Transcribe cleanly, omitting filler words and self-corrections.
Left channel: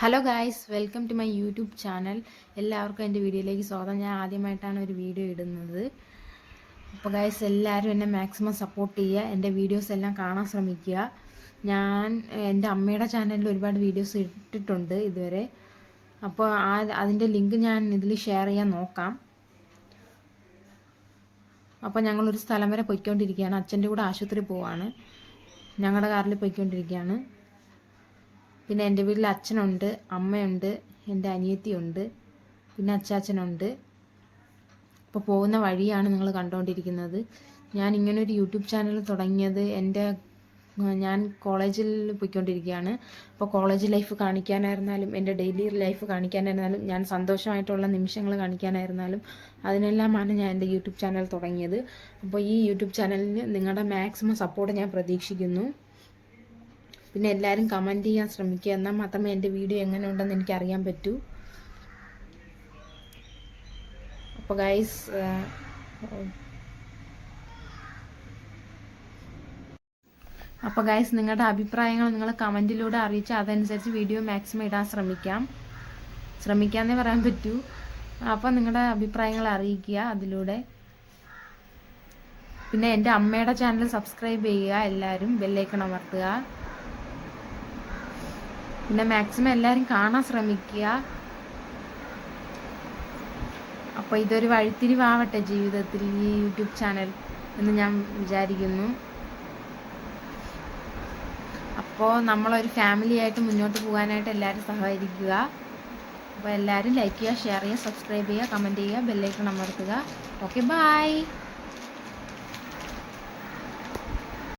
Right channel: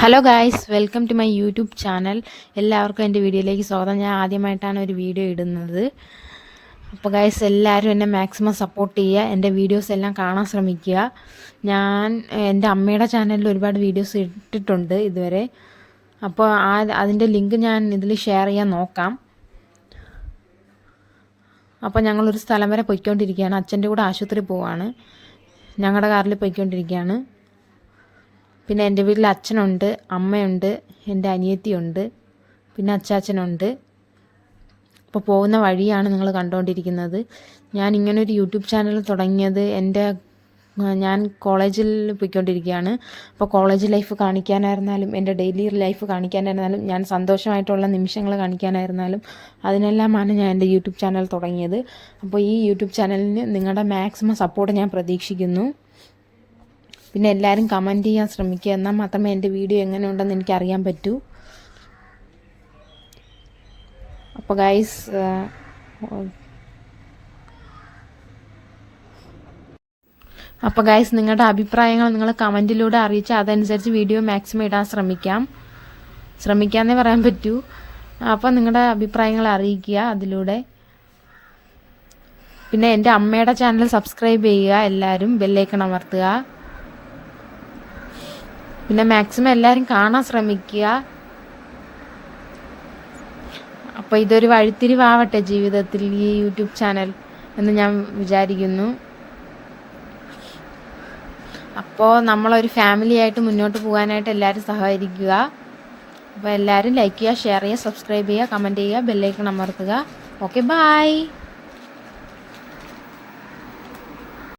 Hello guys, welcome to my YouTube channel. എല്ലാവർക്കും എൻ്റെ വീഡിയോയിലേക്ക് സ്വാഗതം. ഞാൻ ആദ്യമായിട്ടാണ് ഒരു വീഡിയോ ഇടുന്നത്. അപ്പോൾ ഗായ്സ്, എല്ലാവരും എന്നെ മാക്സിമം സപ്പോർട്ട് ചെയ്യുക. എൻ്റെ വീഡിയോസ് എല്ലാം കാണാൻ ശ്രമിക്കുക. ഞാൻ എൻ്റെ അമ്മയുടെ ചാനലിൽ ഒരുപാട് വീഡിയോസ് ഇട്ടിട്ടുണ്ട് ഇതുവരെ. അപ്പോൾ അതിൻ്റെ ലിങ്ക് ഞാൻ ഇതിൽ ഷെയർ ചെയ്യാൻ നോക്കാം. അപ്പോൾ ഞങ്ങളൊരു സ്ഥലം വരെ പോയിക്കൊണ്ടിരിക്കുകയാണ്. അച്ഛൻ്റെ കൂടെ ആശുപത്രി പോവാണ്. ഞങ്ങളുടെ കാറിൽ പോയിക്കൊണ്ടിരിക്കുകയാണ്. പിന്നെ എൻ്റെ വീട്ടിൽ അച്ഛനുണ്ട്, അമ്മയുണ്ട്, എൻ്റെ അനിയത്തിയുണ്ട്, പിന്നെ അച്ചാച്ചനുണ്ട്. അപ്പോൾ പോകുന്ന വഴിയാണ് നിങ്ങൾ കണ്ടുകൊണ്ടിരിക്കുന്നത്. ഞാൻ ഇങ്ങനൊരു യൂട്യൂബ് ചാനൽ തുടങ്ങിയത് ഞാൻ കോളേജിൽ പോയിക്കൊണ്ടിരിക്കുകയാണ്. അപ്പോൾ കോളേജ് ലൈഫ് കാണിക്കാനായിരുന്നാലും എൻ്റെ ഡെയിലി ലൈഫ് കാണിക്കാനായിരുന്നാലും ഞാൻ സന്തോഷമായിട്ടുള്ള നിമിഷങ്ങൾ കാണിക്കാനായിരുന്നാലും അതിനെല്ലാമാണ് ഞാൻ എൻ്റെ യൂട്യൂബ് ചാനൽ തുടങ്ങിയത്. അപ്പോൾ ഈ യൂട്യൂബ് ചാനലിന് നിങ്ങളുടെ മാക്സിമം സപ്പോർട്ട് ഞാൻ പ്രതീക്ഷിക്കുന്നു. പിന്നെ എല്ലാവരും കമൻറ്റ് ചെയ്യാൻ ശ്രമിക്കുക. എന്നാൽ മാത്രമേ എൻ്റെ വീഡിയോ എങ്ങനെയുണ്ടെന്ന് എനിക്കറിയാൻ പറ്റൂ. അപ്പോൾ ഗൈസ് നിങ്ങളുടെ അഭിപ്രായങ്ങൾ നിങ്ങൾ കമൻറ്റിലൂടെ അറിയിച്ചാൽ അതനുസരിച്ച് വീഡിയോ മാക്സിമം ഇടാൻ ശ്രമിക്കാമെന്നേ പറയാൻ പറ്റൂ. അപ്പോൾ നിങ്ങളുടെ അഭിപ്രായങ്ങൾ അറിയിക്കുക അതിലൂടെ. പിന്നെ എൻ്റെ അമ്മയുടെ ചാനൽ സബ്സ്ക്രൈബ് ചെയ്യുക, എല്ലാവരും ബെല്ലൈക്കൺ അമർത്തുക. പിന്നെ മാക്സിമം എല്ലാവരും കാണാൻ ശ്രമിക്കുക. അപ്പോൾ ഇതൊരു വഴിത്തിരിവാവട്ടെ ജീവിതത്തിൽ ഈ യൂട്യൂബ് ചാനൽ എന്ന് ഞാൻ വിചാരിക്കുന്നു. അപ്പോൾ നമ്മളൊരു ഫാമിലി ആയിട്ട് മുന്നോട്ട് പോകാനായിട്ട് എല്ലാവരും സഹകരിക്കുക. അപ്പോൾ എല്ലാവരും ലൈക്ക് ചെയ്യുക, ഷെയർ ചെയ്യുക, സബ്സ്ക്രൈബ് ചെയ്യുക, കമൻറ്റ് ചെയ്യുക, ബെല്ലൈക്കൺ അമർത്തുക. Okay, by.